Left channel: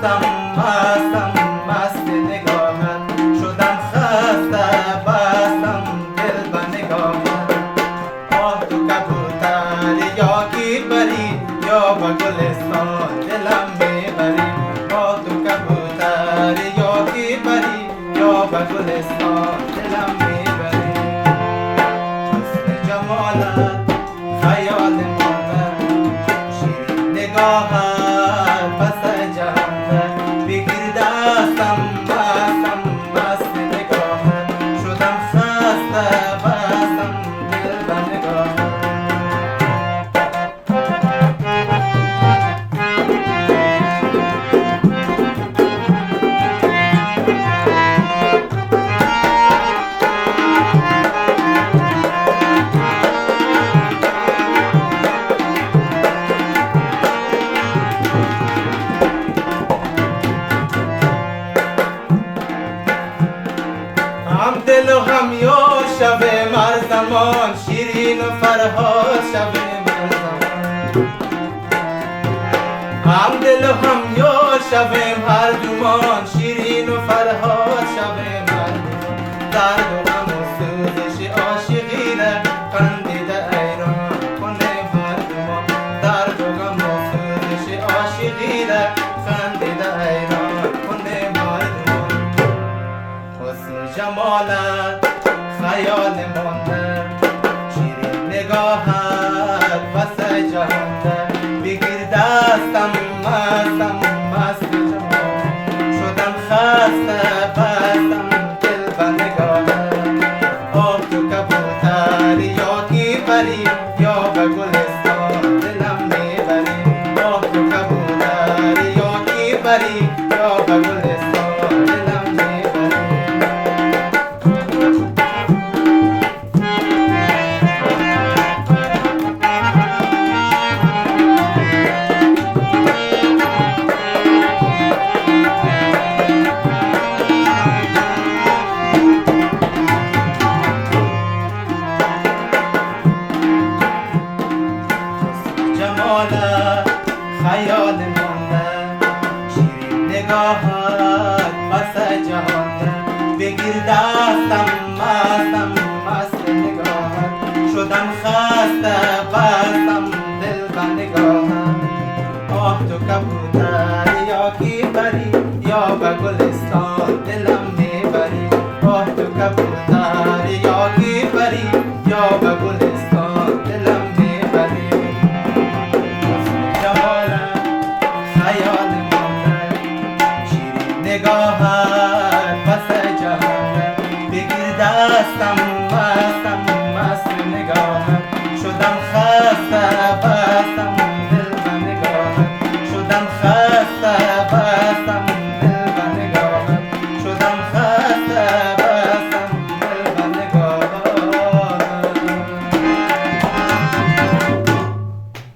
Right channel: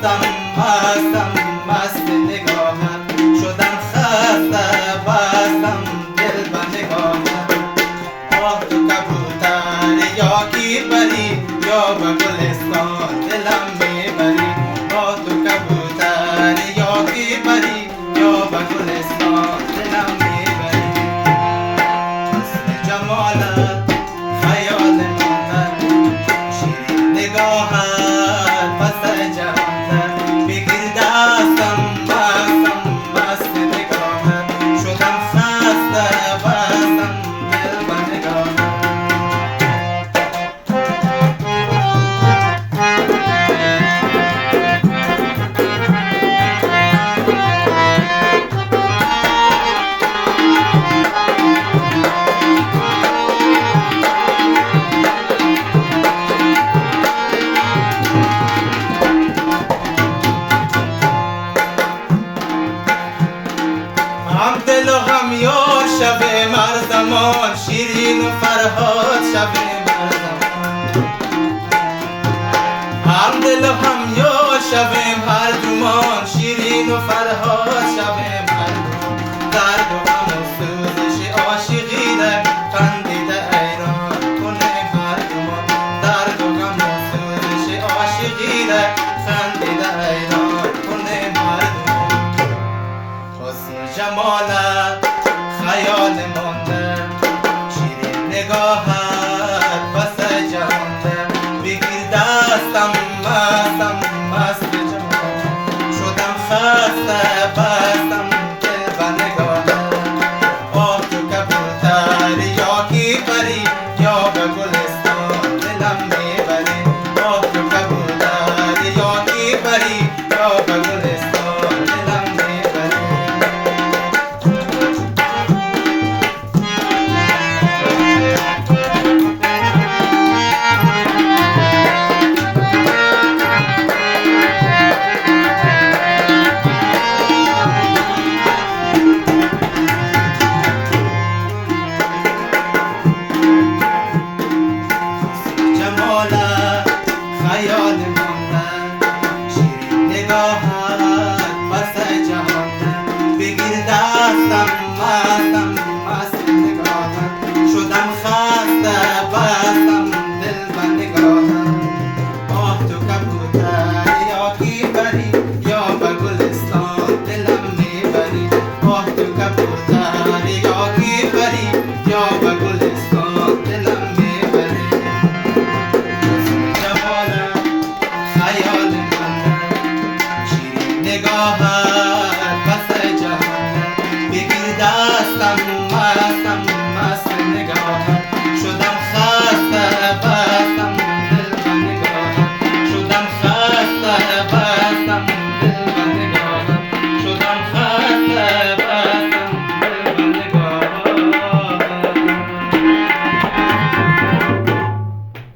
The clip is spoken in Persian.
مستم مستم مست نگاهت شدم خسته بستم دل به نگاهت آه تو کبوتر یا کی بری یا به گلستان دلم میبری آه تو کبوتر یا کی بری یا به گلستان دلم میبری حسن جمالت خیال مانده شیرین نگاهت پس جهانده بگیر دستم بستم مست نگاهت شدم خسته بستم دل به نگاهت هم دل و هم یار شب مرزمان شیرین و فرهاد شب مرزمان هم دل و هم یار شب مردمان شیرین و فرهاد شب مردمان درد و غم و سوزش عاشقی را خندیده ایران کنه مردمان درد و غم و سوزش عاشقی را خندیده ایران کنه مردمان حسن جمالت خیال مانده شیرین نگاهت پس جهانده بگیر دستم مستم مست جهان شدم خسته بستم دل به نگاهت آه تو کبوتر یا کی پری یا به گلستان دلم میبری آه تو کبوتر یا کی پری یا به گلستان دلم میبری جمالت خیال مانده شیرین نگاهت پس جهانده بگیر دستم مستم مست نگاهت شدم خسته بستم دل به نگاهت آه تو کبوتر یا کی بری یا به گلستان دلم میبری آه تو کبوتر یا کی بری یا به گلستان دلم میبری جمالت خیال مانده شیرین نگاهت پس جهانده بگیر دستم مستم مست